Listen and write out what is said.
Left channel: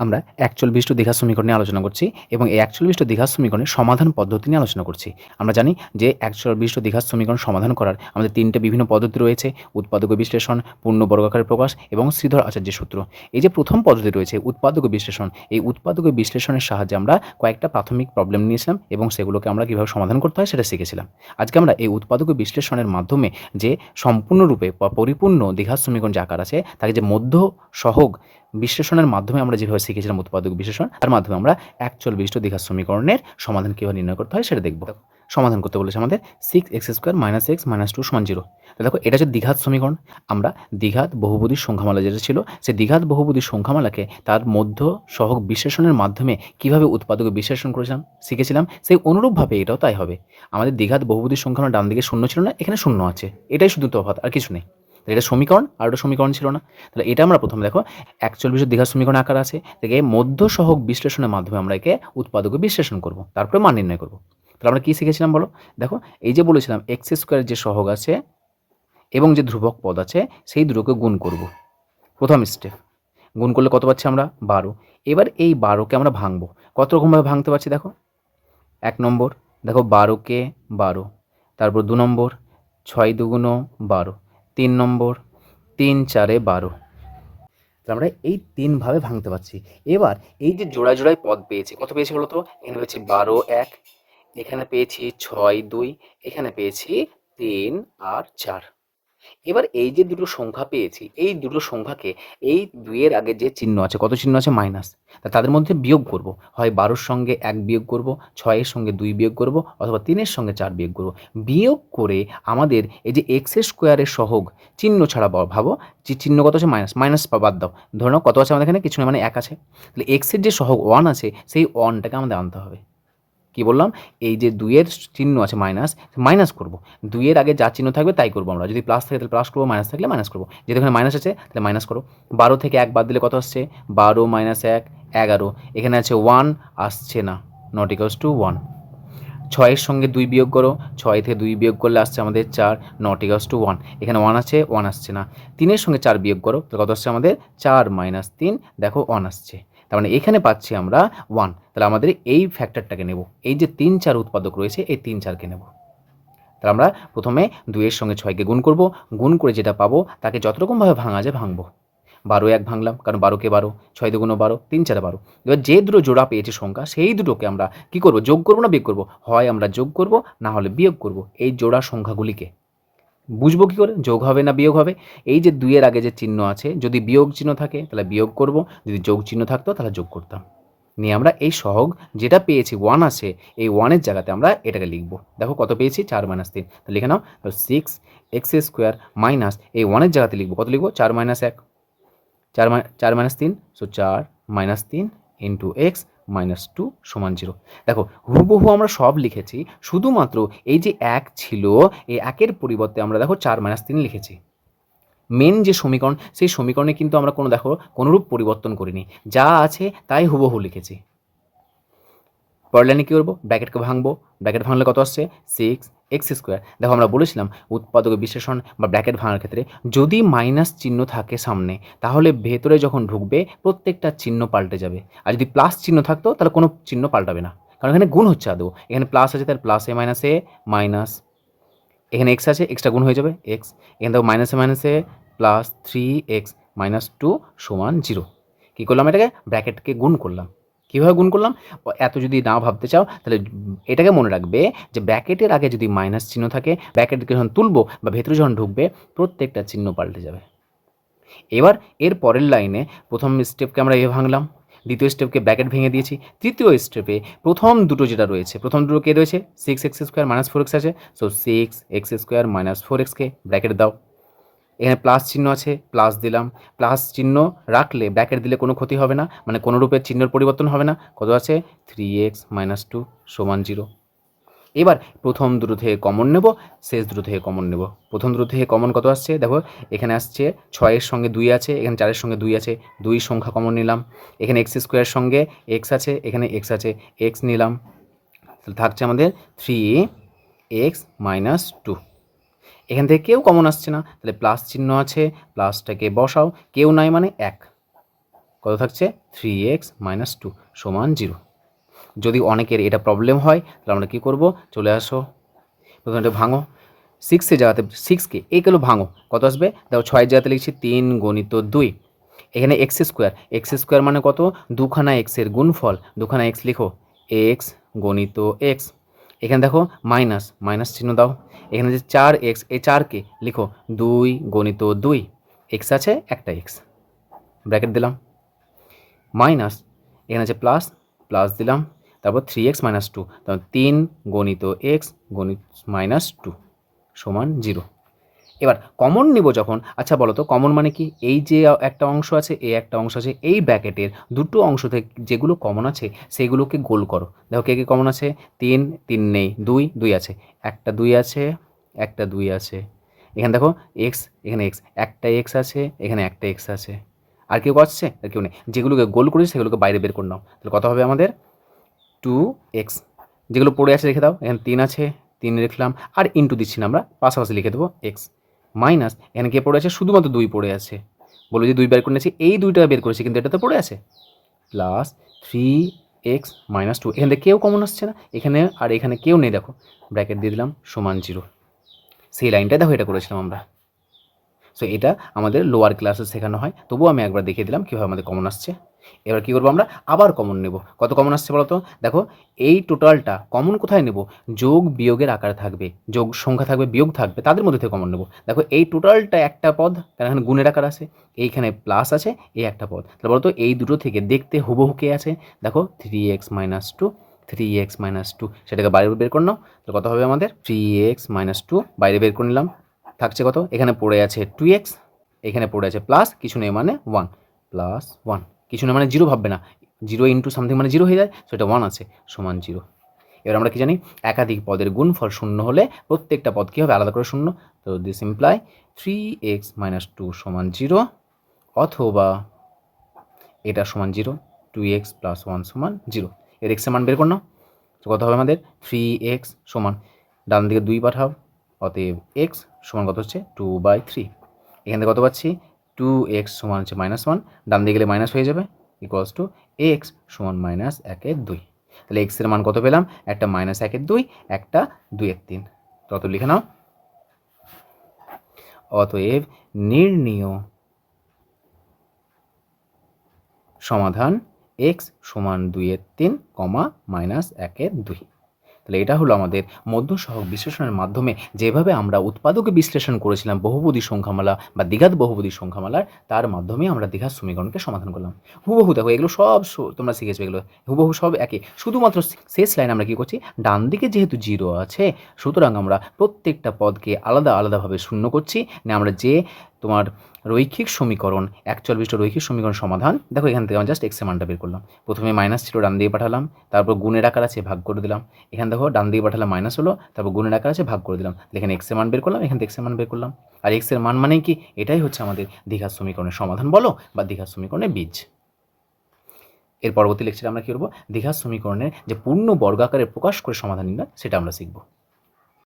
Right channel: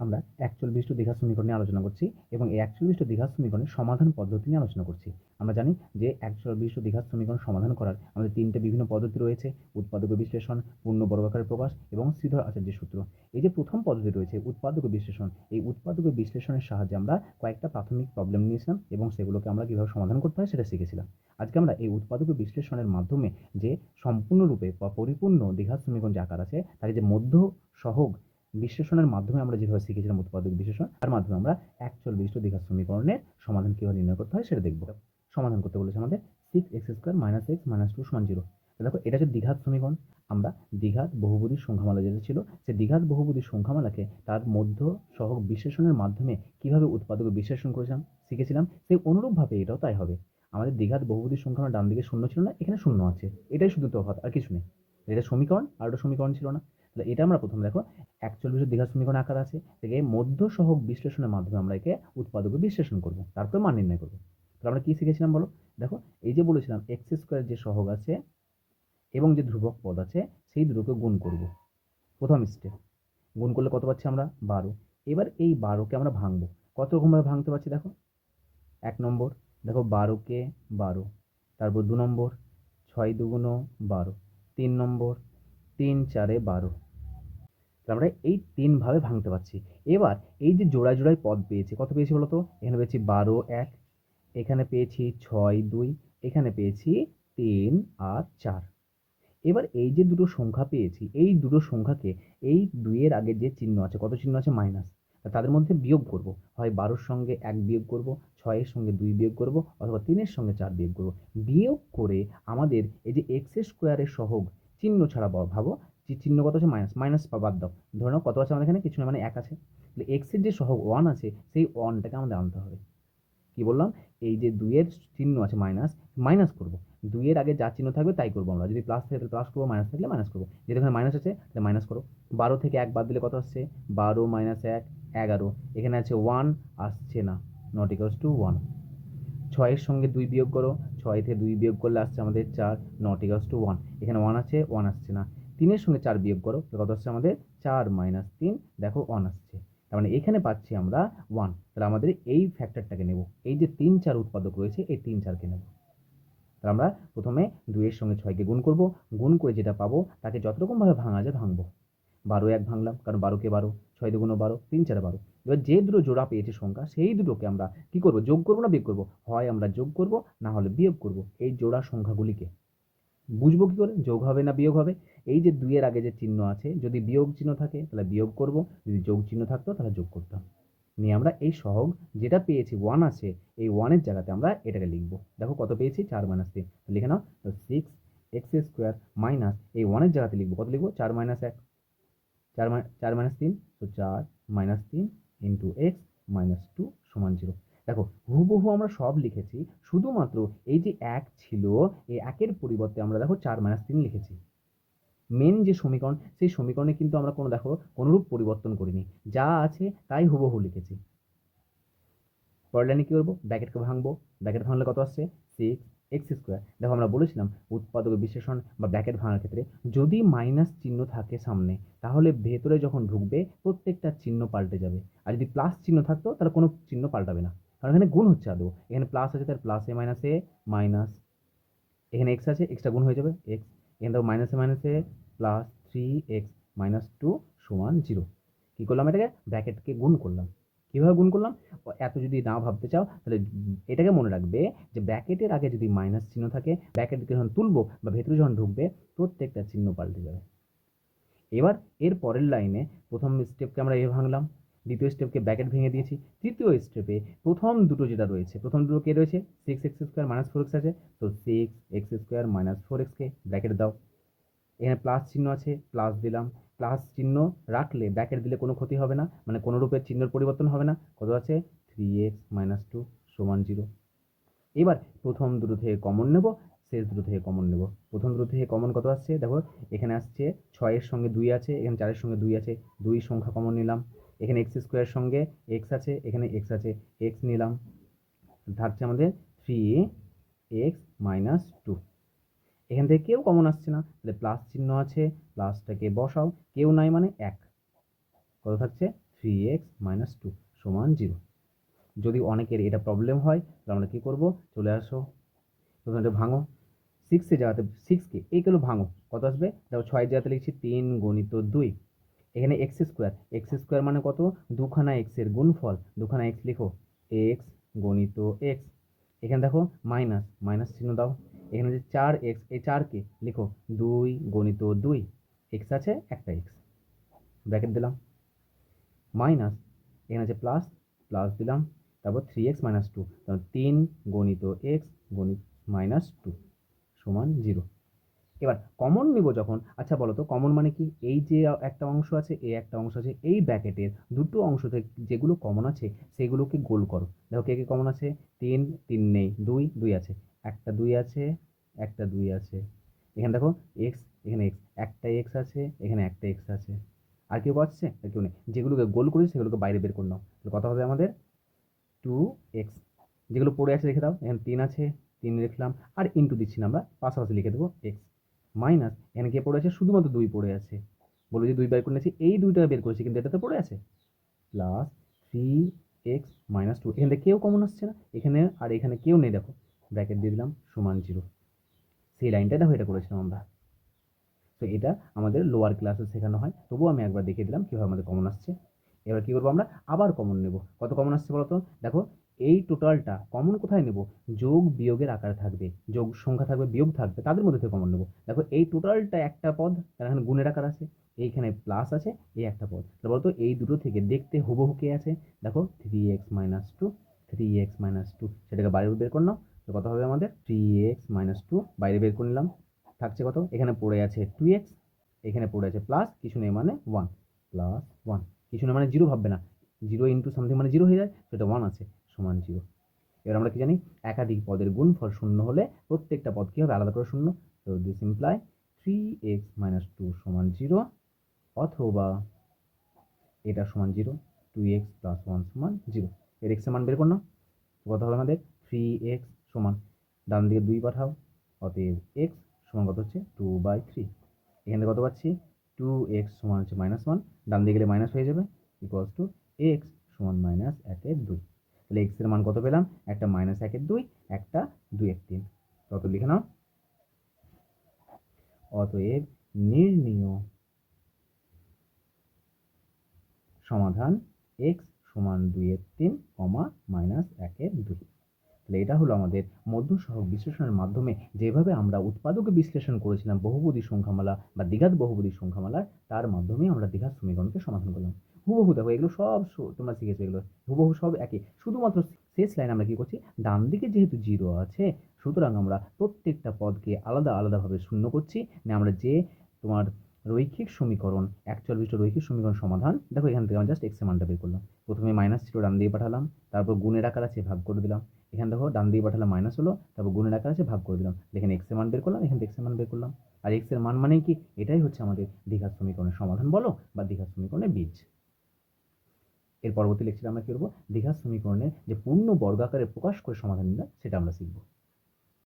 আমরা একচল বিশিষ্ট দীঘা সমীকরণ নিয়ে আলোচনা করছি এবং এই একচল বিশিষ্ট দীঘা সমীকরণের সমাধান পদ্ধতি নিয়ে আলোচনা করছি। আমরা জানি যে একচল বিশিষ্ট দীঘা সমীকরণ সমাধান করার আমাদের তিনটে বিভিন্ন পদ্ধতি রয়েছে, উৎপাদক বিশ্লেষণ, পূর্ণ বর্গাকার প্রকাশ এবং শ্রীধর আচার্যের সূত্র। এই যে প্রথম পদ্ধতি রয়েছে, উৎপাদক বিশ্লেষণ, এই উৎপাদক বিশ্লেষণের সাহায্যে আমরা কয়েকটা প্রাথমিক প্রবলেম নিয়েছিলাম এবং সেগুলোকে আমরা কীভাবে সমাধান করতে হয় সেটা শিখেছিলাম। আজকে আমরা এই উৎপাদক বিশ্লেষণের মাধ্যমে যে সম্পূর্ণরূপে বা পরিপূর্ণ দীঘা সমীকরণ যে আকার আছে, তাকে যে মধ্য সহগ বিশ্লেষণের মাধ্যমে আমরা যেভাবে শিখেছিলাম উৎপাদক বিশ্লেষণ, তার মাধ্যমে আমরা একচল বিশিষ্ট দীঘার সমীকরণের সমাধান কীভাবে নির্ণয় করতে হয় সেটা দেখব। সমাধান করতে বলেছে আমাদের six x square minus x minus two সমান জিরো দেখো, এটা হচ্ছে দ্বিঘাত সমীকরণ। আমরা দ্বিঘাত বহুপদীর সংখ্যামালা যেটা ছিল, সে দ্বিঘাত বহুপদীর সংখ্যামালাকে তার মধ্য সহগ বিশ্লেষণের মাধ্যমে কীভাবে উৎপাদক বিশ্লেষণ করেছিলাম, শিখেছিলাম, সেই অনুরূপভাবে এটাও তাই হবে। আমাদের দ্বিঘাত বহুপদীর সংখ্যামালা ডান দিকে শূন্য ছিল না, এখানে শূন্য আছে। এটাই শুধু তফাৎ, আর কিছু নেই। এটা সমীকরণ, আর ওটা সমীকরণ ছিল না। তাহলে এটা আমরা প্রথমে দেখো একচল বিশেষ দীঘার সমীকরণ আকার আছে থেকে মধ্য সহগ বিশ্লেষণের মাধ্যমে আমরা একে উৎপাদক বিশ্লেষণ করব, তারপরে মান নির্ণয় করব। তাহলে আমরা কী শিখেছিলাম বলো? দেখো, এই যে বলেছিলাম এক্স স্কোয়ারের যে সহগ আছে এবং যে ধ্রুবক পদ আছে, সেই দুটোকে গুণ করব। প্রথম স্টেপ গুণ করলে কত পাচ্ছি আমরা? বারো। এবার এই বারোকে আমরা ভাঙবো। কত রকমভাবে ভাঙতে পারছি দেখো? এক নম্বর, দেখো বারোকে বারো, তারপর দু নম্বর, ছয় দুগুণ বারো। তিন নম্বর, তিন চারে বারো। আমরা এই তিনভাবে ভাঙতে পারছি। এবার এই যে জোড়া জোড়ায় পদ পেয়েছি, কত পেয়েছি বলো তো এখানে পেয়েছি বারো, এক, এখানে পেয়েছি ছয়, দুই, এখানে পেয়েছি তিন আর চার। এবার এই যে দুটো সংখ্যা পেয়েছি, এই দুটো সংখ্যাকে এই দুইয়ের আগে যে চিহ্ন আছে, কত চিহ্ন আছে? মাইনাস। তা তাদের মধ্যে বিয়োগ করব। হয় বারোর সঙ্গে এক বিয়োগ করব, ছয়ের সঙ্গে দুই বিয়োগ করব, অথবা তিনের সঙ্গে চার বিয়োগ করব। বিয়োগ করে আমাদের এই যে এক্সের স্কোয়ারের সহগ, চিহ্ন ছাড়া ভাবো চিহ্ন কত আছে? মাইনাস। মাইনাস বাদ দাও। ধরো কত আছে আমাদের এখানে? কিছু না মানে এক আছে। তাহলে এক্সের যে সহগ ওয়ান আছে, সেই ওয়ানটাকে আমাদের আনতে হবে। কি বললাম? এই যে দুইয়ের চিহ্ন আছে মাইনাস মাইনাস করব। দুইয়ের আগে যা চিহ্ন থাকবে তাই করব আমরা। যদি প্লাস থাকে তাহলে প্লাস করব মাইনাস থাকলে মাইনাস করব। যেহেতু এখানে মাইনাস আছে তাহলে মাইনাস করো। বারো থেকে এক বাদ দিলে কত আসছে? বারো মাইনাস এক, এগারো। এখানে আছে ওয়ান আসছে না। নট ইকলস টু ওয়ান ছয়ের সঙ্গে দুই বিয়োগ করো। ছয় থেকে দুই বিয়োগ করলে আসছে আমাদের চার নট ইকলস টু ওয়ান এখানে ওয়ান আছে ওয়ান আসছে না। তিনের সঙ্গে চার বিয়োগ করো, তাহলে কত আসছে আমাদের? চার মাইনাস তিন। দেখো ওয়ান আসছে। তার মানে এখানে পাচ্ছি আমরা ওয়ান তাহলে আমাদের এই ফ্যাক্টরটাকে নেব। এই যে তিন চার উৎপাদক রয়েছে, এই তিন চারকে নেব। তাহলে আমরা প্রথমে দুইয়ের সঙ্গে ছয়কে গুণ করব। গুণ করে যেটা পাবো, তাকে যত রকমভাবে ভাঙা যায় ভাঙবো। বারো এক ভাঙলাম, কারণ বারোকে বারো, ছয় দুগুণ বারো, তিন চারে বারো। এবার যে দুটো জোড়া পেয়েছে সংখ্যা, সেই দুটোকে আমরা কি করব? যোগ করব না বিয়োগ করব? হয় আমরা যোগ করব, না হলে বিয়োগ করব। এই জোড়া সংখ্যাগুলিকে। বুঝব কী করে? যোগ হবে না বিয়োগ হবে? এই যে দুইয়ের আগে যে চিহ্ন আছে, যদি বিয়োগ চিহ্ন থাকে, তাহলে বিয়োগ করব। যদি যোগ চিহ্ন থাকতো, তাহলে যোগ করতাম। নিয়ে আমরা এই সহগ যেটা পেয়েছি ওয়ান আছে, এই ওয়ানের জায়গাতে আমরা এটাকে লিখব। দেখো কত পেয়েছি? চার মাইনাস তিন। তাহলে লিখে নাও সিক্স এক্স স্কোয়ার মাইনাস এই ওয়ানের জায়গাতে লিখব। কত লিখব? চার মাইনাস এক। চার মাই চার মাইনাস তিন সো চার মাইনাস তিন ইন্টু এক্স মাইনাস টু সমান জিরো দেখো, হুবহু আমরা সব লিখেছি, শুধুমাত্র এই যে এক ছিল, এই একের পরিবর্তে আমরা দেখো চার মাইনাস তিন লিখেছি। মেন যে সমীকরণ, সেই সমীকরণে কিন্তু আমরা কোনো দেখো, কোনোরূপ পরিবর্তন করিনি। যা আছে তাই হুবহু লিখেছি। পরের লাইনে কী করব? ব্র্যাকেটকে ভাঙবো। ব্র্যাকেট ভাঙলে কত আসছে? Six x square. দেখো আমরা বলেছিলাম উৎপাদক বিশ্লেষণ বা ব্র্যাকেট ভাঙার ক্ষেত্রে যদি মাইনাস চিহ্ন থাকে সামনে, তাহলে ভেতরে যখন ঢুকবে প্রত্যেকটা চিহ্ন পাল্টে যাবে। আর যদি প্লাস চিহ্ন থাকতো, তাহলে কোনো চিহ্ন পাল্টাবে না। কারণ এখানে গুণ হচ্ছে আদৌ। এখানে প্লাস আছে, তাহলে প্লাস এ মাইনাস এ মাইনাস। এখানে এক্স আছে, এক্সটা গুণ হয়ে যাবে, এক্স। এখানে দেখো মাইনাসে মাইনাসে plus three x minus two সমান জিরো। কী করলাম এটাকে? ব্র্যাকেটকে গুণ করলাম। কীভাবে গুণ করলাম? এত যদি না ভাবতে চাও, তাহলে এটাকে মনে রাখবে যে ব্র্যাকেটের আগে যদি মাইনাস চিহ্ন থাকে ব্র্যাকেটকে যখন তুলবো বা ভেতরে যখন ঢুকবে, প্রত্যেকটা চিহ্ন পাল্টে যাবে। এবার এর পরের লাইনে প্রথম স্টেপকে আমরা এ ভাঙলাম, দ্বিতীয় স্টেপকে ব্র্যাকেট ভেঙে দিয়েছি, তৃতীয় স্টেপে প্রথম দুটো যেটা রয়েছে, প্রথম দুটো কে রয়েছে? Six x square minus four x আছে। So six x square minus four এক্সকে ব্র্যাকেট দাও। এখানে প্লাস চিহ্ন আছে প্লাস দিলাম। প্লাস চিহ্ন রাখলে ব্র্যাকেট দিলে কোনো ক্ষতি হবে না মানে কোনো রূপের চিহ্নের পরিবর্তন হবে না। কত আছে? থ্রি এক্স মাইনাস টু সমান জিরো এবার প্রথম দুটো থেকে কমন নেব, শেষ দুটো থেকে কমন নেব। প্রথম দুটো থেকে কমন কত আসছে? দেখো, এখানে আসছে ছয়ের সঙ্গে দুই আছে, এখানে চারের সঙ্গে দুই আছে, দুই সংখ্যা কমন নিলাম। এখানে এক্স স্কোয়ারের সঙ্গে এক্স আছে, এখানে এক্স আছে এক্স নিলাম। তাহলে থাকছে আমাদের থ্রি এক্স মাইনাস টু এখান থেকে কেউ কমন আসছে না। তাহলে প্লাস চিহ্ন আছে প্লাসটাকে বসাও, কেউ নাই মানে এক। কত থাকছে? থ্রি এক্স মাইনাস টু সমান জিরো যদি অনেকের এটা প্রবলেম হয়, তাহলে আমরা কী করব? চলে আসো। প্রথমে এটা ভাঙো। সিক্সের জায়গাতে সিক্সকে এইগুলো ভাঙো। কত আসবে? দেখো ছয়ের জায়গাতে লিখছি তিন গণিত দুই। এখানে এক্স স্কোয়ার এক্স স্কোয়ার মানে কত? দুখানা এক্সের গুণফল। দুখানা এক্স লিখো। এক্স গণিত এক্স এখানে দেখো মাইনাস মাইনাস চিহ্ন দাও। এখানে যে চার এক্স এই চারকে লিখো দুই গণিত দুই। এক্স আছে একটা এক্স ব্র্যাকেট দিলাম। মাইনাস এখানে আছে প্লাস প্লাস দিলাম। তারপর থ্রি এক্স মাইনাস টু তারপর তিন গণিত এক্স গণিত মাইনাস টু সমান জিরো এবার কমন নিব যখন আচ্ছা বলো তো কমন মানে কি? এই যে একটা অংশ আছে, এই একটা অংশ আছে, এই ব্র্যাকেটের দুটো অংশ থেকে যেগুলো কমন আছে সেগুলোকে গোল করো। দেখো কে কে কমন আছে? তিন তিন নেই, দুই দুই আছে। একটা দুই আছে, একটা দুই আছে। এখানে দেখো এক্স এখানে এক্স একটা এক্স আছে, এখানে একটা এক্স আছে। আর কেউ আসছে আর কেউ নেই। যেগুলোকে গোল করেছে, সেগুলোকে বাইরে বের করে নাও। তাহলে কত হবে আমাদের? টু এক্স যেগুলো পড়ে আছে, রেখে দাও। এখানে তিন আছে, তিন লিখলাম আর ইন্টু দিচ্ছি না আমরা, পাশাপাশি লিখে দেবো এক্স মাইনাস এখানে কে পড়ে আছে শুধুমাত্র দুই পড়ে আছে। বলো যে দুই বের করে নিয়েছি, এই দুইটা বের করেছি, কিন্তু এটা তো পড়ে আছে। Plus three x minus two এখান থেকে কেউ কমন আসছে না। এখানে আর এখানে কেউ নেই, দেখো। ব্র্যাকেট দিয়ে দিলাম, সমান জিরো সেই লাইনটা দেখো, এটা করেছিলাম আমরা। সো এটা আমাদের লোয়ার ক্লাসে শেখানো হয়। তবুও আমি একবার দেখিয়ে দিলাম কীভাবে আমাদের কমন আসছে। এবার কি করব আমরা? আবার কমন নেব। কত কমন আসছে বলতো? দেখো, এই টোটালটা কমন কোথায় নেব? যোগ বিয়োগের আকারে থাকবে। যোগ সংখ্যা থাকবে, বিয়োগ থাকবে, তাদের মধ্যে থেকে কমন নেব। দেখো, এই টোটালটা একটা পদ, কারণ এখানে গুণের আকার আছে। এইখানে প্লাস আছে, এই একটা পদ। তাহলে বলতো, এই দুটো থেকে দেখতে হুবহু কে আছে? দেখো three x minus two three x minus two সেটাকে বাইরে বের করে নাও। তাহলে কত হবে আমাদের? থ্রি এক্স মাইনাস টু বাইরে বের করে নিলাম। থাকছে কত? এখানে পড়ে আছে টু এক্স এখানে পড়ে আছে প্লাস কিছু নেই মানে ওয়ান প্লাস ওয়ান কিছু না মানে জিরো ভাববে না। জিরো ইন্টু সামথিং মানে জিরো হয়ে যায় সেটা ওয়ান আছে, সমান জিরো এবার আমরা কি জানি? একাধিক পদের গুণফল শূন্য হলে প্রত্যেকটা পদ কী হবে? আলাদা করে শূন্য। তো this imply three x minus two সমান জিরো অথবা এটা সমান zero two x plus one সমান জিরো এর এক্সের মান বের কর নাও। তো কত হবে আমাদের? থ্রি এক্স সমান, ডান দিকে দুই পাঠাও, অতএব এক্স সমান কত হচ্ছে? টু বাই থ্রি এখান থেকে কত পাচ্ছি? টু এক্স সমান হচ্ছে মাইনাস ওয়ান ডান দিকে গেলে মাইনাস হয়ে যাবে ইকুয়ালস টু এক্স সমান মাইনাস একের দুই। তাহলে এক্সের মান কত পেলাম? একটা মাইনাস একের দুই, একটা দুইয়ের তিন। তত লিখে নাও। অতএব নির্ণীয় সমাধান এক্স সমান দুইয়ের তিন, কমা মাইনাস একের দুই। তাহলে এটা হলো আমাদের মধ্য সহগ বিশ্লেষণের মাধ্যমে যেভাবে আমরা উৎপাদকে বিশ্লেষণ করেছিলাম বহুপদী সংখ্যামালা বা দ্বিঘাত বহুপদী সংখ্যামালার, তার মাধ্যমে আমরা দীঘার সমীকরণকে সমাধান করলাম। হুবহু দেখো, এগুলো সব তোমরা শিখেছো এগুলো। হুবহু সব একই। শুধুমাত্র শেষ লাইন আমরা কী করছি? ডান দিকে যেহেতু জিরো আছে, সুতরাং আমরা প্রত্যেকটা পদকে আলাদা আলাদাভাবে শূন্য করছি। না, আমরা যে তোমার রৈখিক সমীকরণ একচল বিষ্ট রৈখিক সমীকরণ সমাধান। দেখো এখান থেকে আমরা জাস্ট এক্সের মানটা বের করলাম। প্রথমে মাইনাস ছিল, ডান দিয়ে পাঠালাম। তারপর গুণের আকার আছে, ভাগ করে দিলাম। এখানে দেখো, ডান দিয়ে পাঠালাম মাইনাস হলো। তারপর গুণের আকার আছে, ভাগ করে দিলাম। এখানে এক্সের মান বের করলাম, এখান থেকে এক্সের মান বের করলাম। আর এক্সের মান মানে কি? এটাই হচ্ছে আমাদের দীঘার সমীকরণের সমাধান বলো, বা দীঘার সমীকরণের বীজ। এর পরবর্তী লেকচারে আমরা কী করব? দীঘার সমীকরণের যে পূর্ণ বর্গাকারে প্রকাশ করে সমাধান নির্ণয় সেটা আমরা শিখব।